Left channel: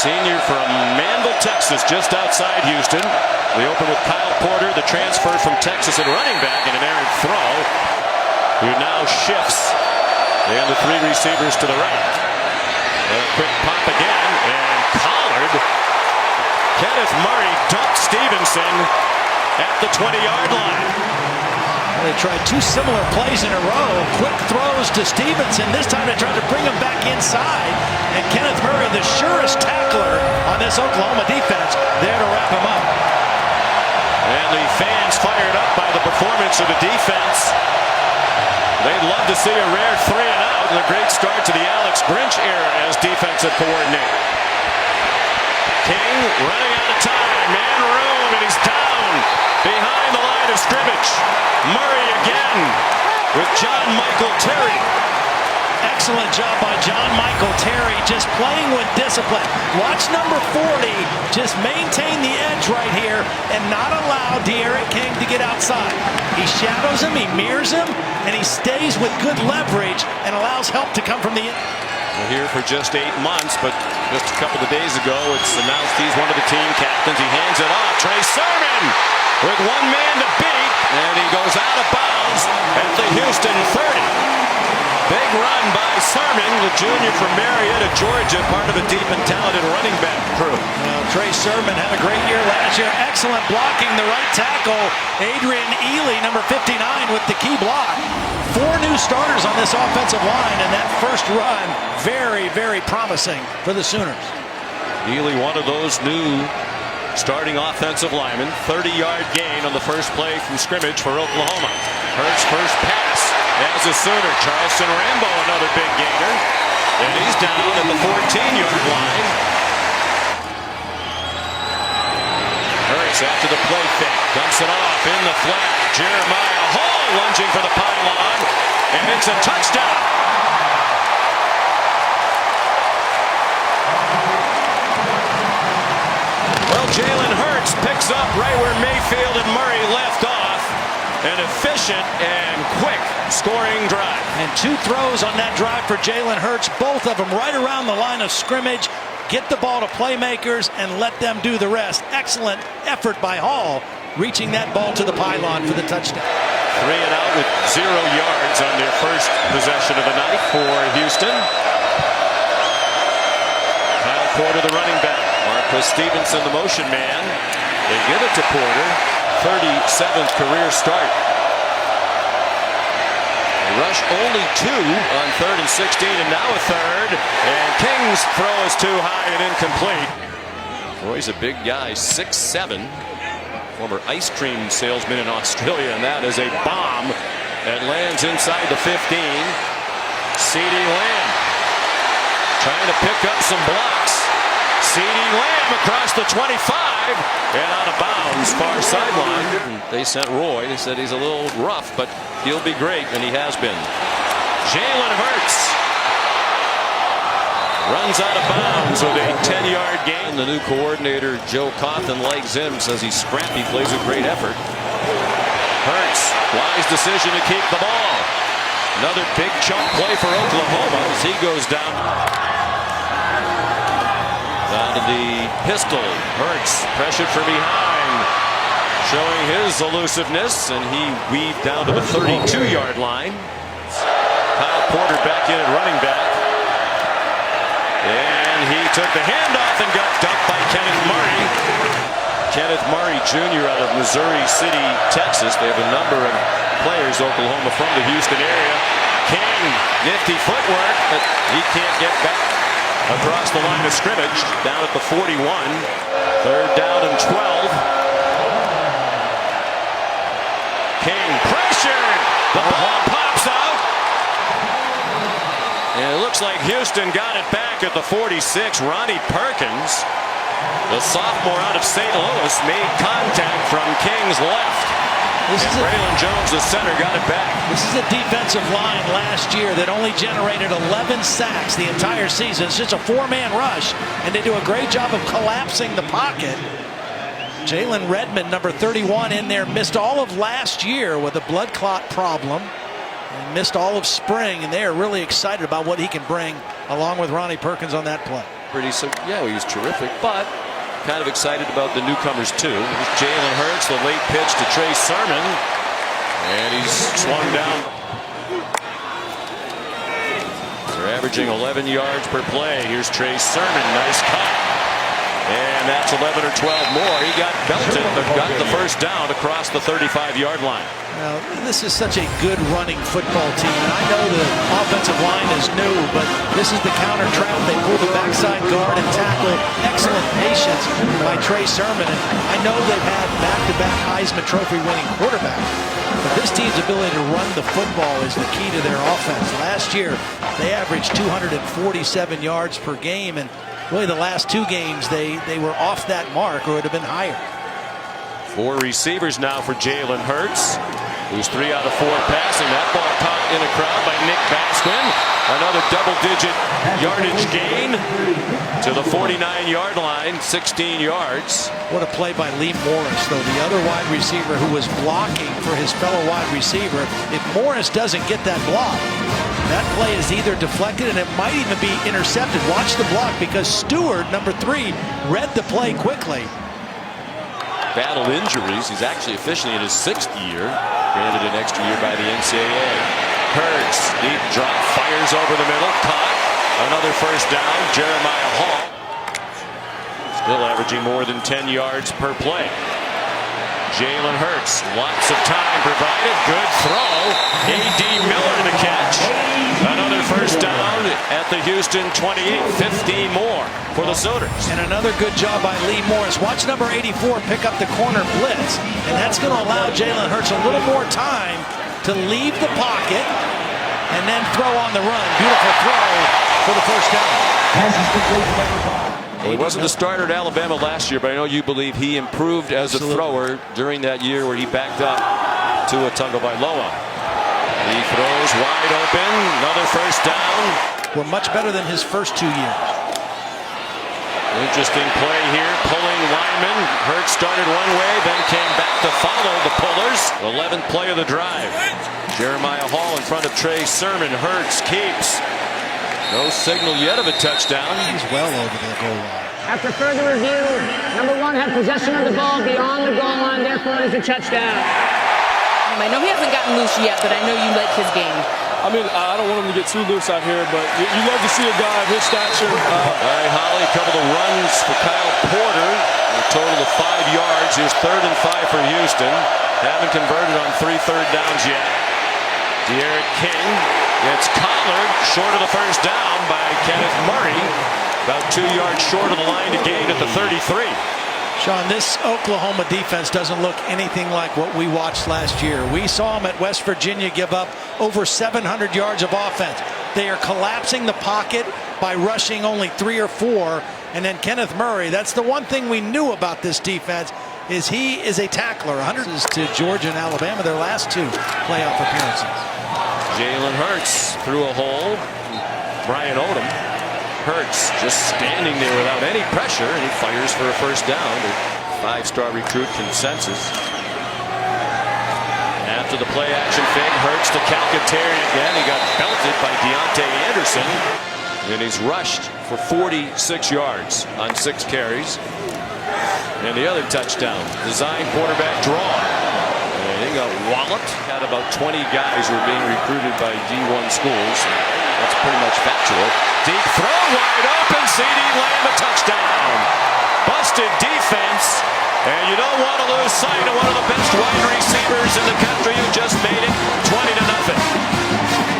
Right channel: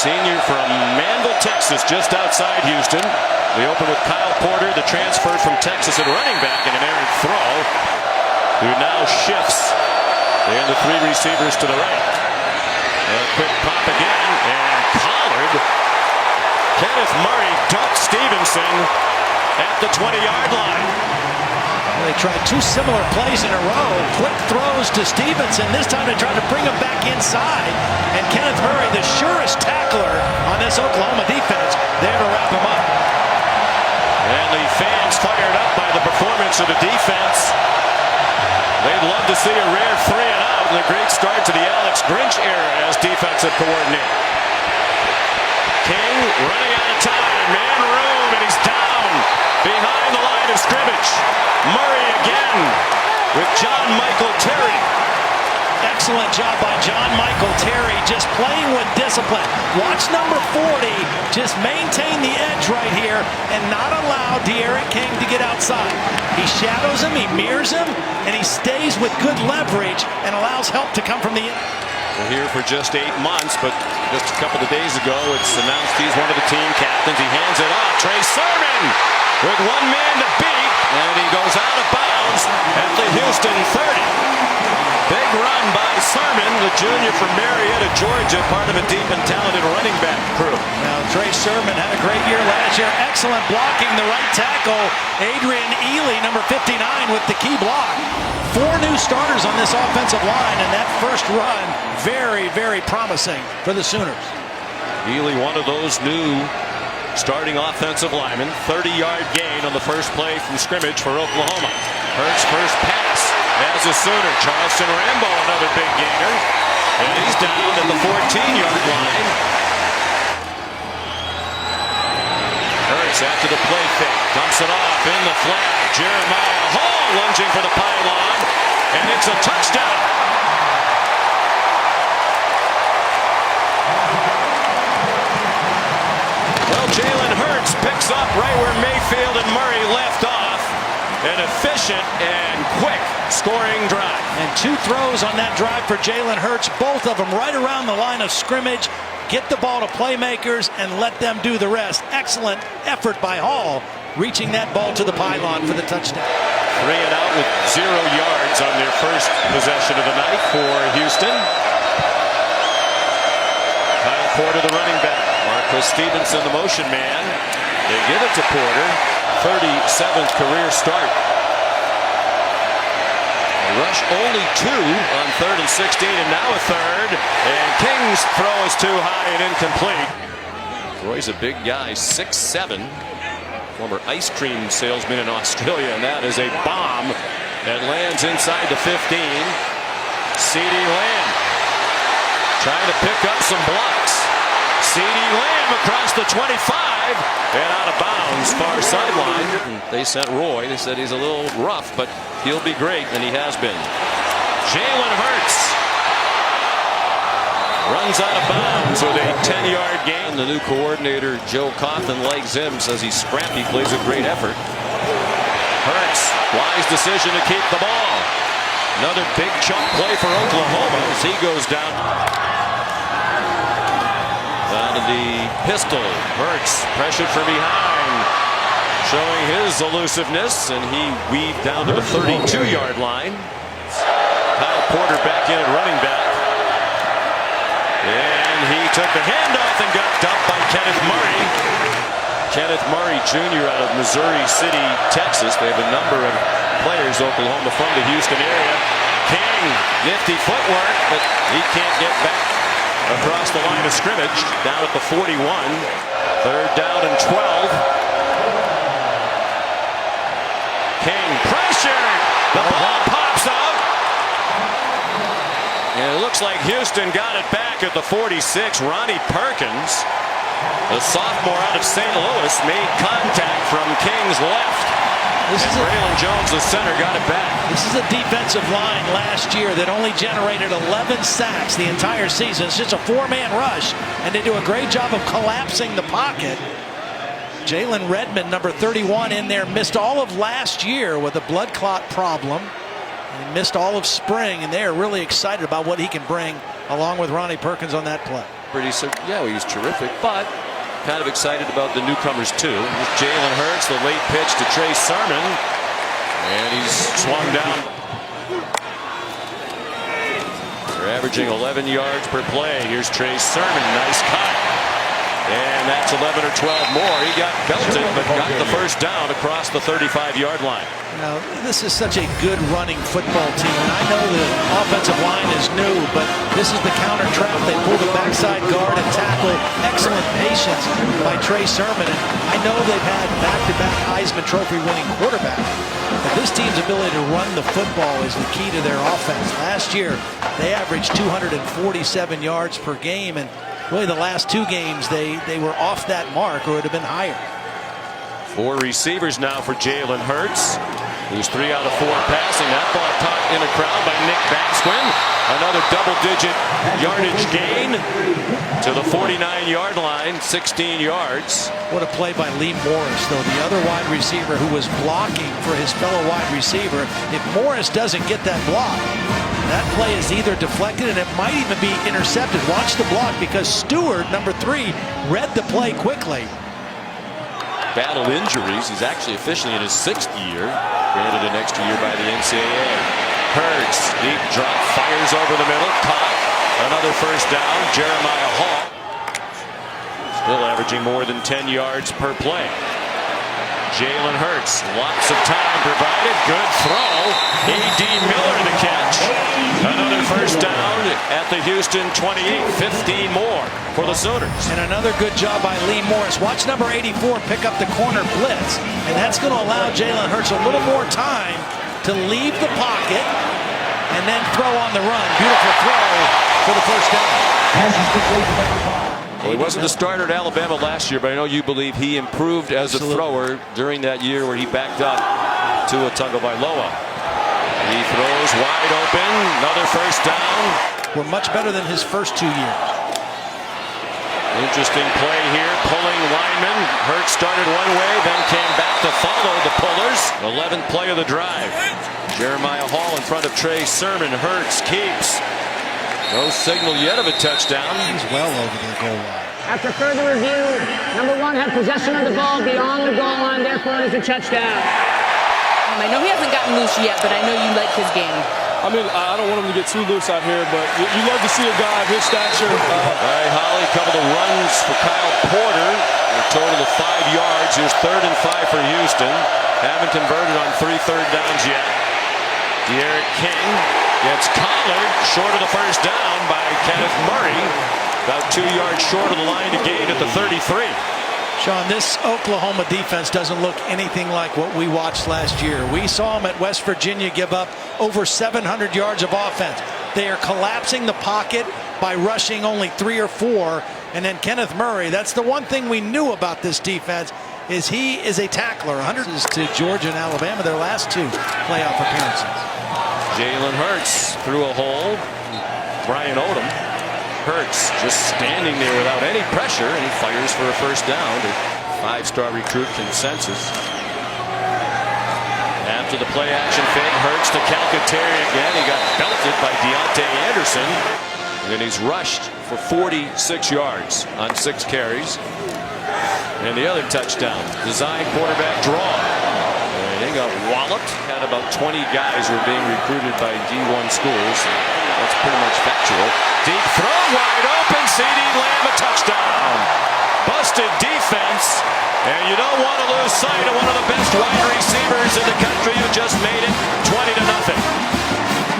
Senior from Manville, Texas, just outside Houston. We open with Kyle Porter, the transfer from Texas at running back, and an errant throw, who now shifts. And the three receivers to the right. A quick pop again, and collared. Kenneth Murray dunked Stevenson at the 20-yard line. Well, they tried two similar plays in a row. Quick throws to Stevenson. This time they tried to bring him back inside. And Kenneth Murray, the surest tackler on this Oklahoma defense, there to wrap him up. And the fans fired up by the performance of the defense. They'd love to see a rare 3 and out and a great start to the Alex Grinch era as defensive coordinator. King running out of time, man room, and he's down behind the line of scrimmage. Murray again with John Michael Terry. Excellent job by John Michael Terry, just playing with discipline. Watch number 40 just maintain the edge right here and not allow D'Eriq King to get outside. He shadows him, he mirrors him, and he stays with good leverage and allows help to come from the end. We're here for just 8 months, but just a couple of days ago it's announced he's one of the team captains. He hands it off. Trey Sermon with one man to beat, and he goes out of bounds at the Houston 30. Big run by Sermon, the junior from Marietta, Georgia, part of a deep and talented running back crew. Well, Trey Sermon had a great year last year. Excellent blocking, the right tackle. Adrian Ely, number 59, with the key block. 4 new starters on this offensive line, and that first run, very, very promising for the Sooners. Ely, one of those new starting offensive linemen. 30-yard gain on the first play from scrimmage for Oklahoma. Hurts first pass as a Sooner. Charleston Rambo, another big gainer. And he's down at the 14-yard line. Hurts after the play fake. Dumps it off in the flag. Jeremiah Hall lunging for the pylon. And it's a touchdown. Well, Jalen Hurts picks up right where Mayfield and Murray left off. An efficient and quick scoring drive. And 2 throws on that drive for Jalen Hurts, both of them right around the line of scrimmage. Get the ball to playmakers and let them do the rest. Excellent effort by Hall, reaching that ball to the pylon for the touchdown. 3 and out with 0 yards on their first possession of the night for Houston. Kyle Porter, the running back. Marquis Stevenson, the motion man. They give it to Porter. 37th career start. They rush only 2 on 3rd and 16, and now a third. And King's throw is too high and incomplete. Roy's a big guy, 6'7", former ice cream salesman in Australia, and that is a bomb that lands inside the 15. CeeDee Lamb trying to pick up some blocks. CeeDee Lamb across the 25 and out of bounds, far sideline. They sent Roy. They said he's a little rough, but he'll be great, and he has been. Jalen Hurts runs out of bounds with a 10-yard gain. The new coordinator, Joe Cawthon, likes him, says he's scrappy, plays with great effort. Hurts, wise decision to keep the ball. Another big chunk play for Oklahoma as he goes down. Down to the pistol. Hurts pressured from behind, showing his elusiveness, and he weaved down to the 32-yard line. Kyle Porter back in at running back. And he took the handoff and got dumped by Kenneth Murray. Kenneth Murray Jr. out of Missouri City, Texas. They have a number of players, Oklahoma, from the Houston area. King, nifty footwork, but he can't get back across the line of scrimmage, down at the 41. 3rd down and 12. King pressured. The ball pops out. And it looks like Houston got it back at the 46. Ronnie Perkins, the sophomore out of St. Louis, made contact from King's left. And Braylon Jones, the center, got it back. This is a defensive line last year that only generated 11 sacks the entire season. It's just a 4-man rush, and they do a great job of collapsing the pocket. Jalen Redmond, number 31, in there, missed all of last year with a blood clot problem, and he missed all of spring, and they are really excited about what he can bring along with Ronnie Perkins on that play. He said, yeah, he was terrific, but kind of excited about the newcomers too. Here's Jalen Hurts, the late pitch to Trey Sermon, and he's swung down. They're averaging 11 yards per play. Here's Trey Sermon, nice cut. And that's 11 or 12 more. He got belted, but got the first down across the 35-yard line. Now, this is such a good running football team, and I know the offensive line is new, but this is the counter trap. They pull the backside guard and tackle. Excellent patience by Trey Sermon, and I know they've had back-to-back Heisman Trophy winning quarterback, but this team's ability to run the football is the key to their offense. Last year, they averaged 247 yards per game, and really the last two games they were off that mark, or it would have been higher. 4 receivers now for Jalen Hurts, who's 3 out of 4 passing. That ball caught in a crowd by Nick Basquin. Another double-digit yardage gain to the 49-yard line, 16 yards. What a play by Lee Morris, though, the other wide receiver who was blocking for his fellow wide receiver. If Morris doesn't get that block, that play is either deflected and it might even be intercepted. Watch the block, because Stewart, number 3, read the play quickly. Battled injuries. He's actually officially in his 6th year, granted an extra year by the NCAA. Hurts, deep drop, fires over the middle, caught. Another first down. Jeremiah Hall still averaging more than 10 yards per play. Jalen Hurts, lots of time provided. Good throw. A.D. Miller the catch. Another first down at the Houston 28. 15 more for the Sooners. And another good job by Lee Morris. Watch number 84 pick up the corner blitz, and that's going to allow Jalen Hurts a little more time to leave the pocket and then throw on the run. Beautiful throw for the first down. Well, he wasn't the starter at Alabama last year, but I know you believe he improved as a thrower during that year where he backed up Tua Tagovailoa. He throws wide open. Another first down. We're much better than his first 2 years. Interesting play here. Pulling lineman. Hurts started one way, then came back to follow the pullers. 11th play of the drive. Jeremiah Hall in front of Trey Sermon. Hurts keeps. No signal yet of a touchdown. He's well over the goal line. After further review, number 1 had possession of the ball beyond the goal line, therefore it is a touchdown. I know he hasn't gotten loose yet, but I know you like his game. I mean, I don't want him to get too loose out here, but you love to see a guy of his stature. All right, Holly, a couple of runs for Kyle Porter. A total of 5 yards. Here's 3rd and 5 for Houston. Haven't converted on 3 third downs yet. D'Eriq King gets collared short of the first down by Kenneth Murray. About 2 yards short of the line to gain at the 33. Sean, this Oklahoma defense doesn't look anything like what we watched last year. We saw them at West Virginia give up over 700 yards of offense. They are collapsing the pocket by rushing only 3 or 4. And then Kenneth Murray, that's the one thing we knew about this defense, is he is a tackler. 100 to Georgia and Alabama, their last 2 playoff appearances. Jalen Hurts through a hole. Brian Odom. Hurts just standing there without any pressure, and he fires for a first down. The 5-star recruit consensus. After the play action fake, Hurts to Calcaterri again. He got belted by Deontay Anderson. And he's rushed for 46 yards on 6 carries. And the other touchdown, design quarterback draw. And he got walloped. Had about 20 guys who were being recruited by D1 schools. And that's pretty much factual. Deep throw, wide open. CeeDee Lamb, a touchdown. Busted defense. And you don't want to lose sight of one of the best wide receivers in the country who just made it 20-0.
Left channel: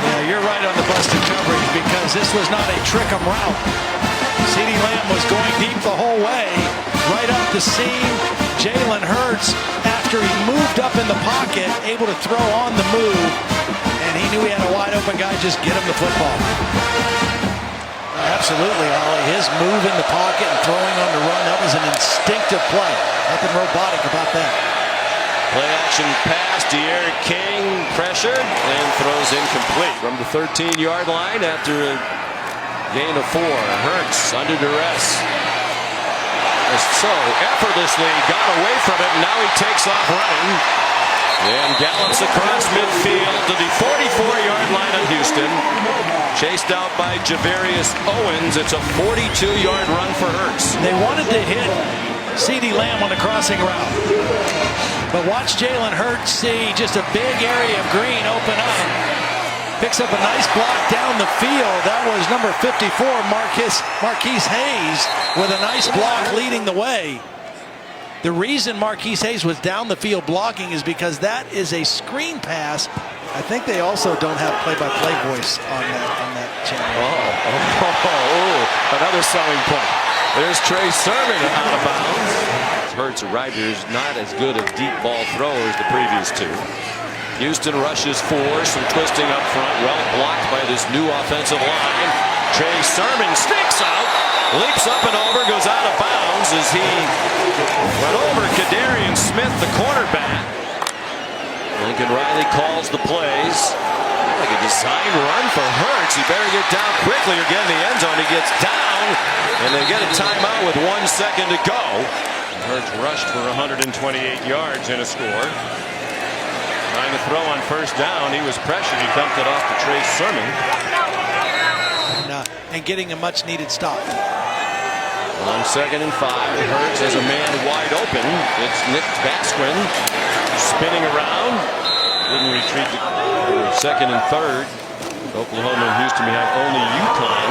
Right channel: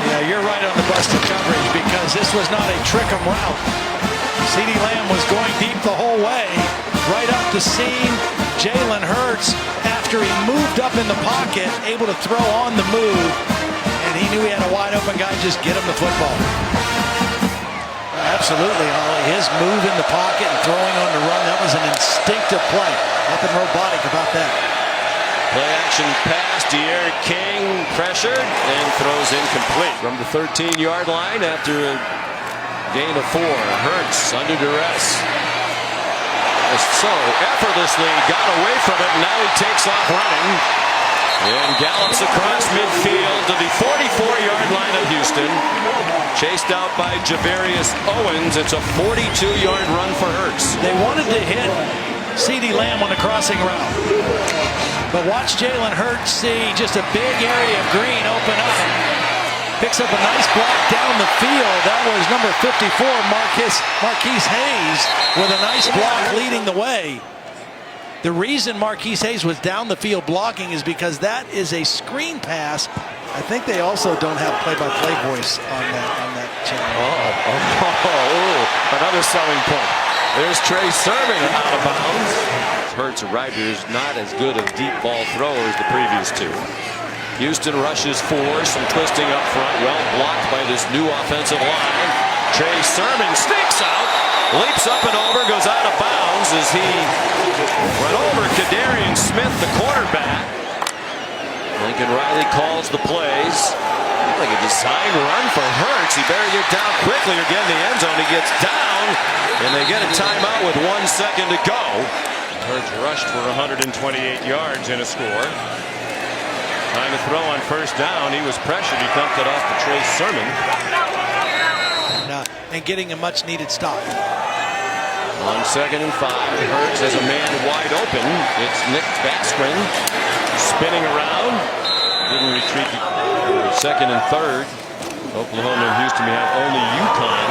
Yeah, you're right on the busted coverage, because this was not a trick-em route. CeeDee Lamb was going deep the whole way, right up the seam. Jalen Hurts, after he moved up in the pocket, able to throw on the move, and he knew he had a wide open guy. Just get him the football. Absolutely, Ollie. His move in the pocket and throwing on the run, that was an instinctive play. Nothing robotic about that. Play action pass. D'Eriq King pressured and throws incomplete from the 13-yard line after a gain of 4. Hurts under duress. So effortlessly got away from it, and now he takes off running. And gallops across midfield to the 44-yard line of Houston. Chased out by Javarius Owens. It's a 42-yard run for Hurts. They wanted to hit CeeDee Lamb on the crossing route. But watch Jalen Hurts see just a big area of green open up. Picks up a nice block down the field. That was number 54, Marquise Hayes, with a nice block leading the way. The reason Marquise Hayes was down the field blocking is because that is a screen pass. I think they also don't have play-by-play voice on that channel. Another selling point. There's Trey Sermon out of bounds. Hurts arrived here is not as good a deep ball thrower as the previous two. Houston rushes 4, some twisting up front, well blocked by this new offensive line. Trey Sermon sneaks out, leaps up and over, goes out of bounds as he went over Kadarian Smith, the cornerback. Lincoln Riley calls the plays. Looked like a design run for Hurts. He better get down quickly or get in the end zone. He gets down, and they get a timeout with 1 second to go. Hurts rushed for 128 yards and a score. Trying to throw on first down. He was pressured. He dumped it off to Trey Sermon. And getting a much needed stop. On 2nd and 5, Hurts has a man wide open. It's Nick Basquin spinning around. Didn't retreat to 2nd and 3rd. Oklahoma and Houston behind only UConn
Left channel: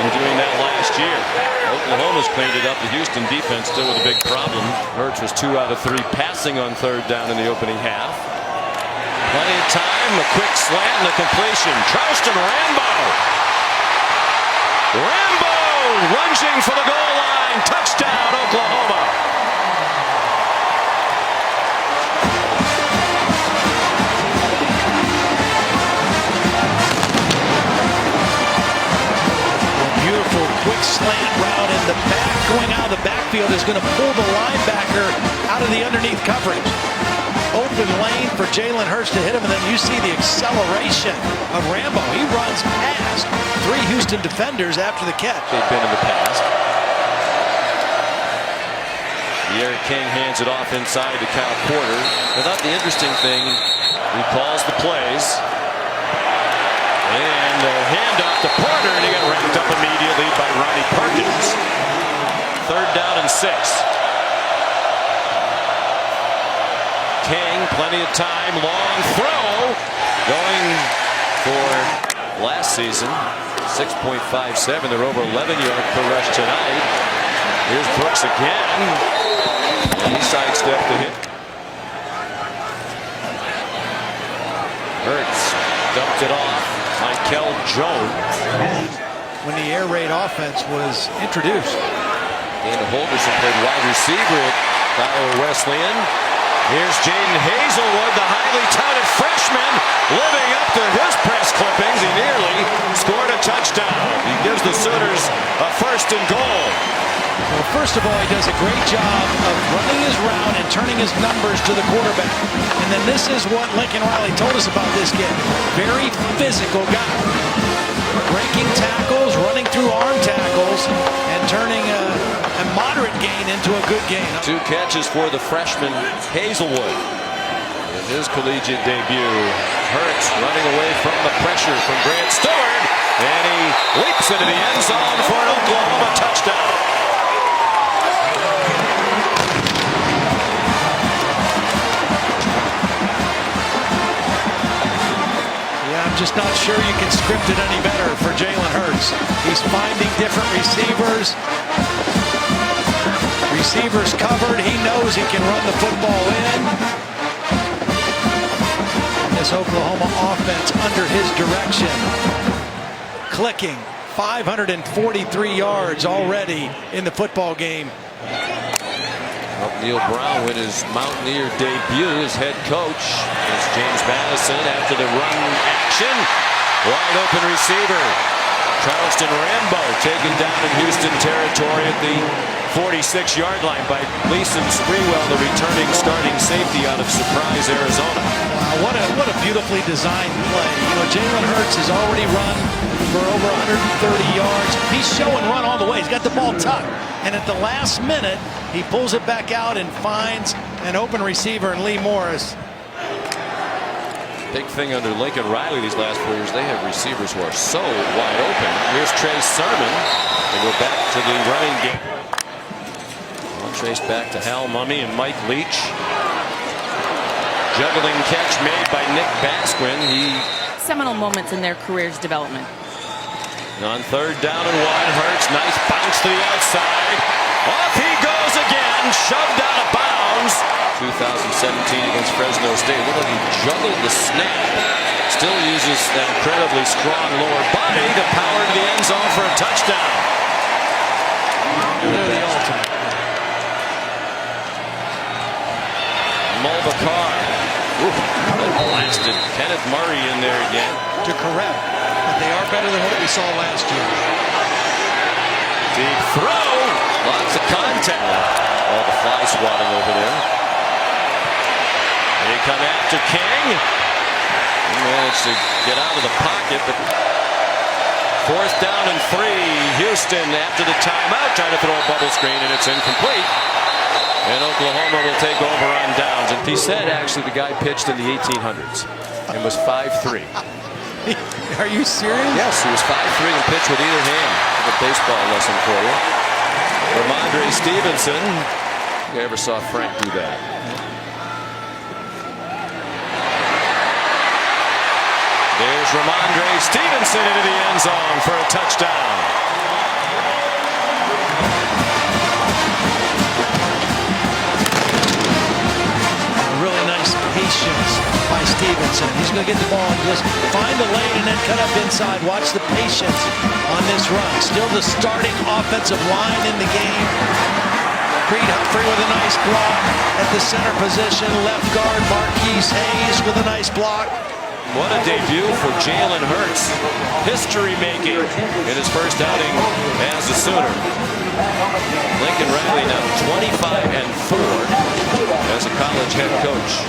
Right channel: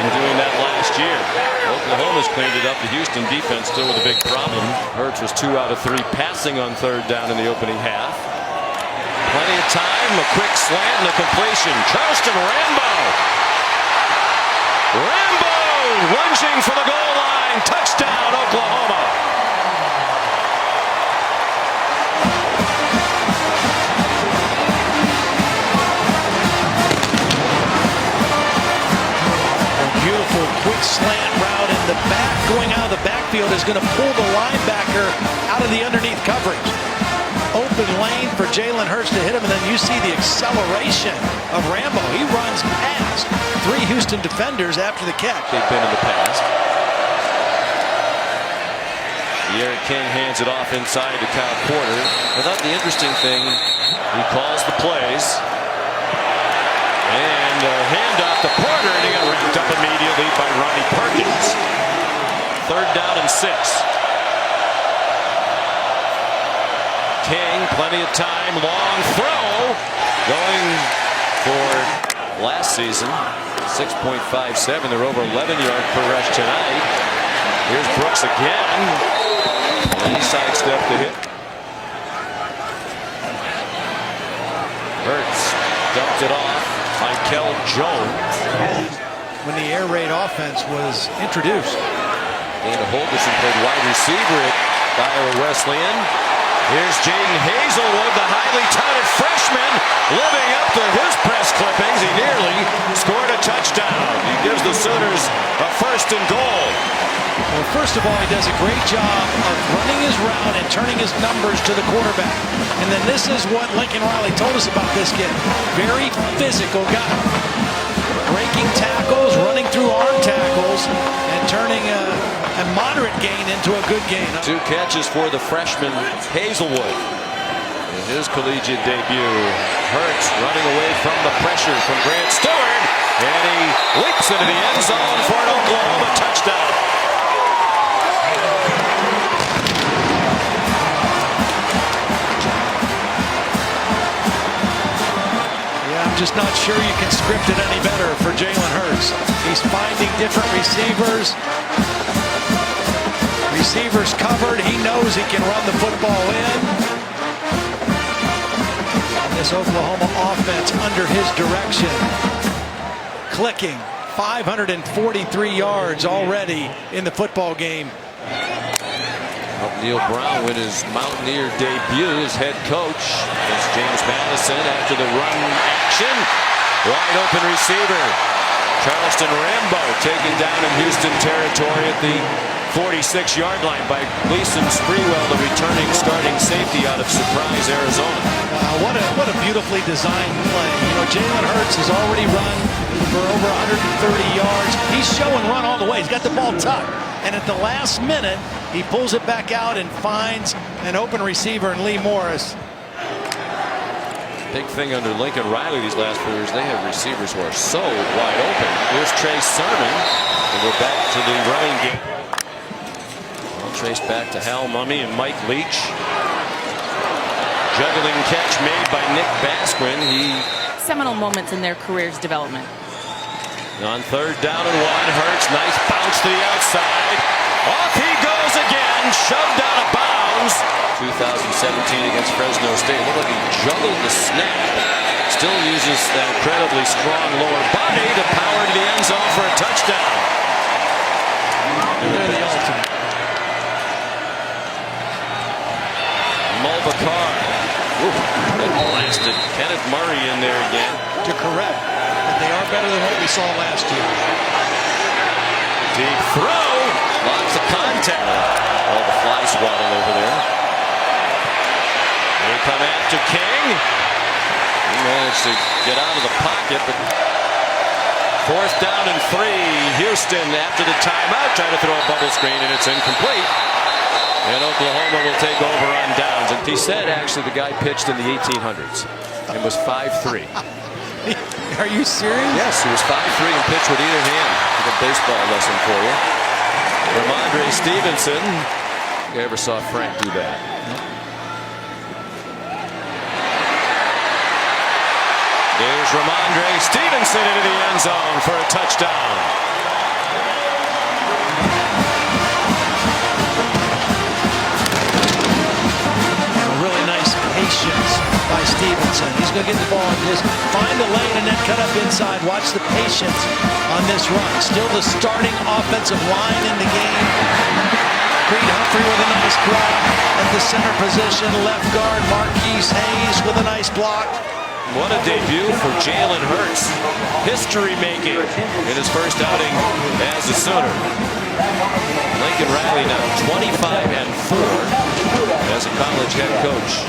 in doing that last year. Oklahoma's cleaned it up. The Houston defense still with a big problem. Hurts was 2 out of 3 passing on 3rd down in the opening half. Plenty of time, a quick slant and a completion. Charleston Rambo lunging for the goal line. Touchdown, Oklahoma. A beautiful quick slant route in the back. Going out of the backfield is going to pull the linebacker out of the underneath coverage. Open lane for Jalen Hurts to hit him, and then you see the acceleration of Rambo. He runs past 3 Houston defenders after the catch. They've been in the past. D'Eriq King hands it off inside to Kyle Porter. I thought the interesting thing, he calls the plays. And a handoff to Porter, and he got wrapped up immediately by Ronnie Perkins. 3rd down and 6. King, plenty of time, long throw, going for last season 6.57. They're over 11-yard per rush tonight. Here's Brooks again, and he sidestepped the hit. Hurts dumped it off. Michael Jones. When the air raid offense was introduced, Dana Holgerson played wide receiver at Iowa Wesleyan. Here's Jaden Hazelwood, the highly touted freshman, living up to his press clippings. He nearly scored a touchdown. He gives the Sooners a 1st and goal. well, first of all, he does a great job of running his route and turning his numbers to the quarterback. And then this is what Lincoln Riley told us about this kid. Very physical guy. Breaking tackles, running through arm tackles, and turning a moderate gain into a good gain. 2 catches for the freshman Hazelwood in his collegiate debut. Hurts running away from the pressure from Grant Stewart, and he leaps into the end zone for an Oklahoma touchdown. Yeah, I'm just not sure you can script it any better for Jalen Hurts. He's finding different receivers. Receivers covered. He knows he can run the football in. And this Oklahoma offense under his direction, clicking. 543 yards already in the football game. Helped Neil Brown win his Mountaineer debut as head coach against James Madison after the run action. Wide open receiver. Charleston Rambo taken down in Houston territory at the 46-yard line by Gleason Sprewell, the returning starting safety out of Surprise, Arizona. Wow, what a beautifully designed play. You know, Jalen Hurts has already run for over 130 yards. He's show and run all the way. He's got the ball tucked. And at the last minute, he pulls it back out and finds an open receiver in Lee Morris. Big thing under Lincoln Riley these last 4 years. They have receivers who are so wide open. Here's Trey Sermon. They go back to the running game. All traced back to Hal Mumme and Mike Leach. Juggling catch made by Nick Basquin. Seminal moments in their career's development. On 3rd down and 1, Hurts, nice bounce to the outside. Off he goes again, shoved out of bounds. 2017 against Fresno State. Looked like he juggled the snap. Still uses that incredibly strong lower body to power to the end zone for a touchdown. They're the ultimate. Mulbacar. That blasted Kenneth Murray in there again. To correct, but they are better than what we saw last year. Deep throw. Lots of contact. All the fly swatting over there. They come after King. He managed to get out of the pocket, but 4th down and 3. Houston after the timeout trying to throw a bubble screen, and it's incomplete. And Oklahoma will take over on downs. And he said actually the guy pitched in the 1800s and was 5'3". Are you serious? Yes, he was 5'3" and pitched with either hand. Give a baseball lesson for you. Ramondre Stevenson. I think I ever saw Frank do that. Nope. There's Ramondre Stevenson into the end zone for a touchdown. Really nice patience by Stevenson. He's going to get the ball and just find a lane and then cut up inside. Watch the patience on this run. Still the starting offensive line in the game. Creed Humphrey with a nice block at the center position. Left guard Marquise Hayes with a nice block. What a debut for Jalen Hurts. History making in his first outing as a Sooner. Lincoln Riley now 25-4 as a college head coach.